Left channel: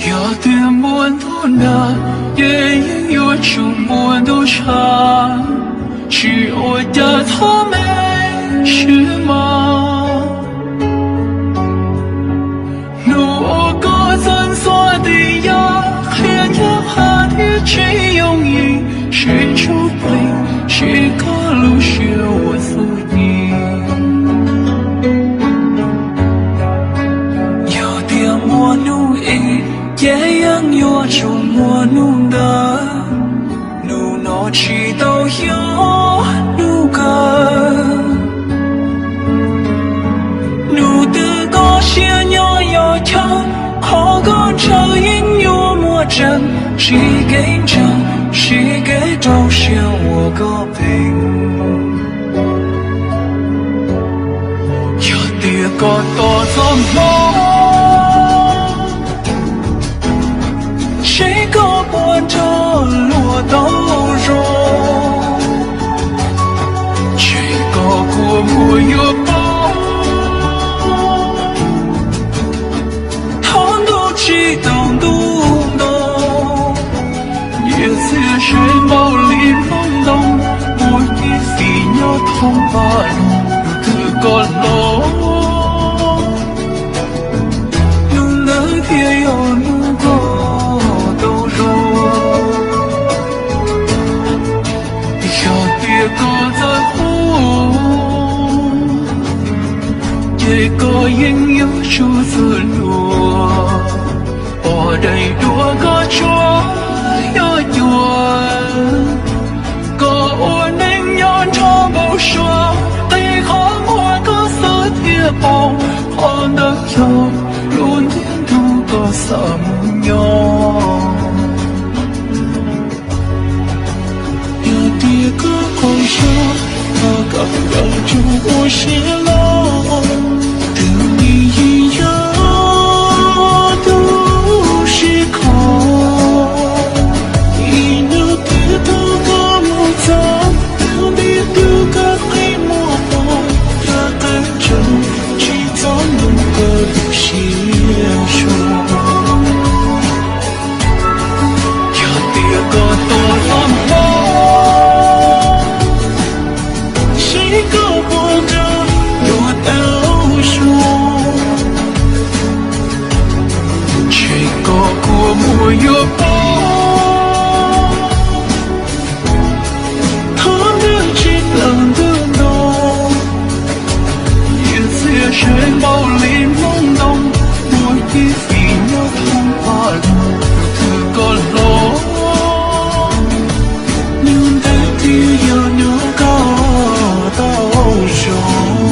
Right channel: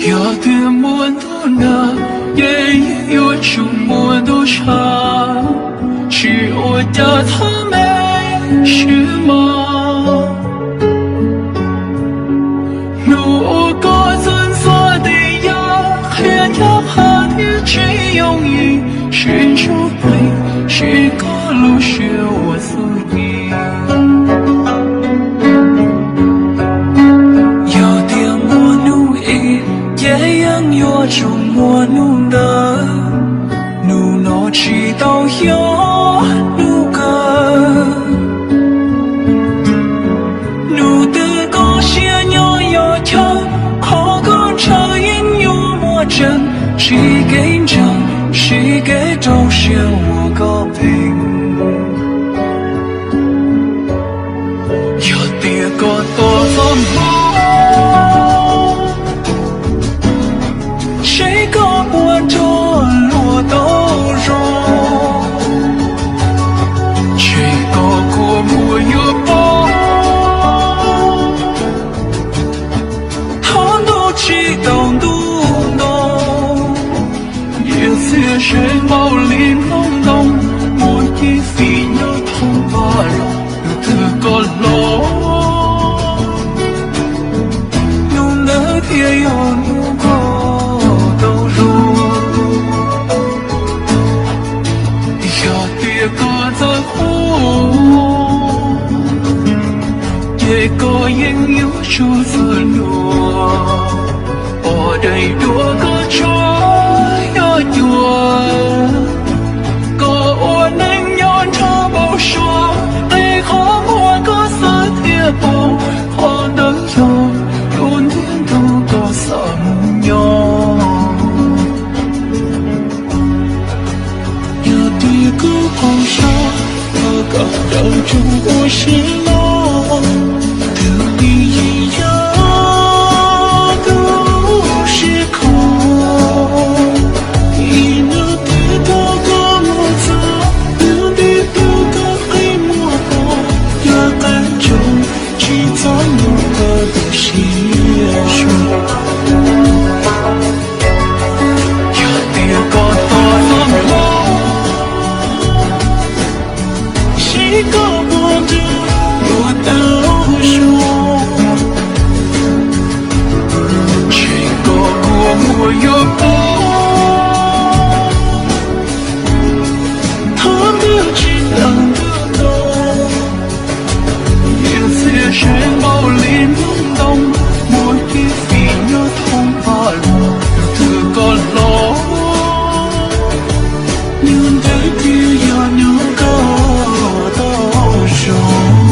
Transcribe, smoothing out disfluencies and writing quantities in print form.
有的我都拿，也有种我都差，是我的他们是吗？如果咱做的呀，也哪怕你只有一寻找回，是个路是我自己。有种我努的，努诺知道有努个，努的高兴有有条，好高潮音有莫着，谁给着，谁给都是我个病。有的个多怎么？谁搞不着落到肉？谁搞过我有包？他都知道都懂，也是谁冒脸懵懂，我一心要痛把肉的个弄，弄得天有弄过。一个应有数字落，我的多个错要断，个我能有他不说，对和我个死铁布，可能有路天路个三有，有的个好伤，那个人中我是我。一样都是空，一那别多个莫走，不你丢个黑莫懂，也等着去找那个细说。有的个多么，谁个活着有的。我有他们知道的懂，也是谁暴力懵懂，我一定要痛快这个路，你的地要能够都有。